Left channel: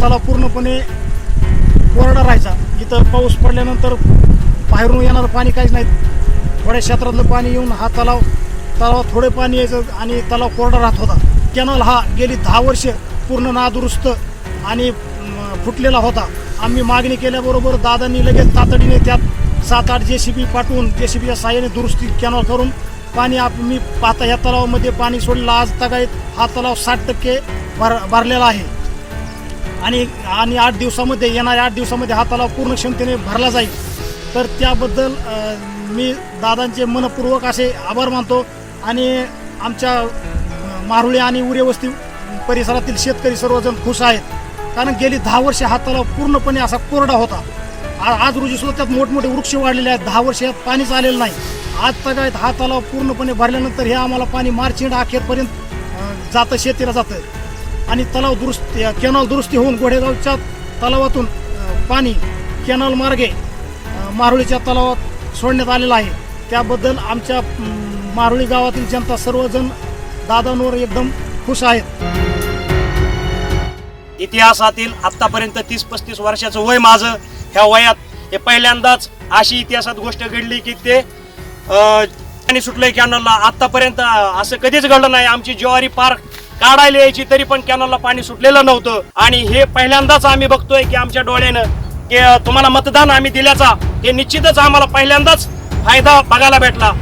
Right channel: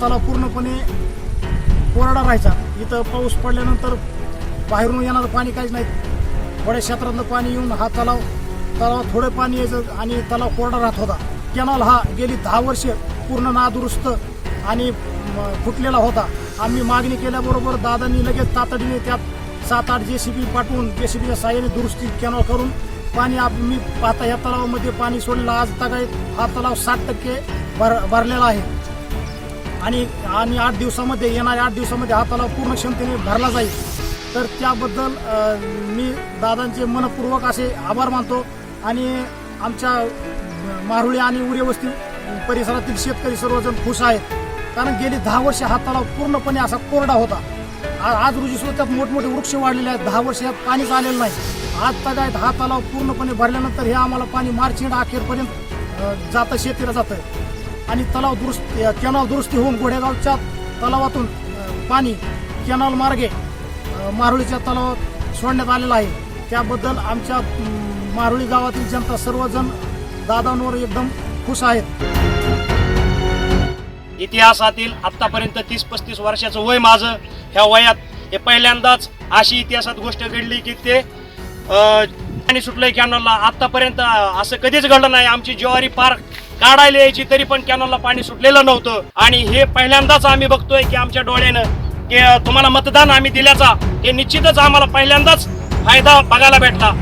तलाव पूर्णपणे कोरडा राहायचा. इथं पाऊस पडल्यानंतर बाहेरून येणारं पाणी काहीच नाही. थोड्या क्षेत्रातलं पाणी येऊन हा तलाव तलावात थोडं पाणी यायचं आणि तलाव कोरडा राहत होता. कॅनॉल हा गेली दहा वर्ष पूर्ण नादुरुस्त आणि फुटलेला होता. आम्ही मागणी केल्याबरोबर दादांनी लगेच तातडीने त्यात सात आठ जे सी बी पाठवून जे सी बीच्या साह्याने दुरुस्ती कॅनॉल करून पाणी आप मी पाहता या तलावामध्ये पाणी सोडलेलं आज तगायत हा तलाव साठ टक्के भर भरलेला आहे. आणि आणि आठ दिवसामध्ये येणाऱ्या आठ दिवसामध्ये हा तलाव पूर्ण क्षमतेने भरला जाईल. तर त्याबद्दल मी दादांचे मनपूर्वक असे आभार मानतो आणि आमच्या मारुळे आणि उरेवस्ती परिसरातील शेतकरी सर्वजण खुश आहेत. कारण गेली दहा वर्षे हा तलाव पूर्णपणे असा कोरडा होता. आज रोजी सुद्धा त्यात मोठमोठे वृक्ष वाढलेले आहेत. दहा वर्ष यात पाणीच आलेलं नाही. आज तगायत हा तलाव पूर्णपणे भरल्यानंतर हे आम्हाला पाणी मार्च एंड अखेरपर्यंत जातं शेतीला जातं. आणि तलाव दुरुस्ती कॅनॉल दुरुस्ती होऊन गोडेगावच्या तलावातून पाणी कॅनॉल मार्गे मारुळीच्या तलावात सोडण्यात आलेलं आहे. त्याबद्दल आमच्या मारुळी गावातील जनता सर्वजण दादांवर एकदम खुश आहेत. इतिहासातील आतापर्यंत तीस पस्तीस वर्षाचं वय माझं. ह्या वयात हे पहिल्यांदाच अशी इतिहासात गोष्ट घडली की ते पाणी सुटलंय कॅनॉलला. आतापर्यंत असं कधीच घडलं नाही. आमची ज्वारी पार्क काढायला यायची तरी पण कॅनलला पाणी सुटलेलं नव्हतं. आणि हे पहिल्यांदाच आम्ही बघतोय की आमच्या डोळ्यानं की तुम्हाला मतदान आम्ही दिल्याचा हे निश्चितच आम्हाला पहिल्यांदाच फायदा बघायला भेटला.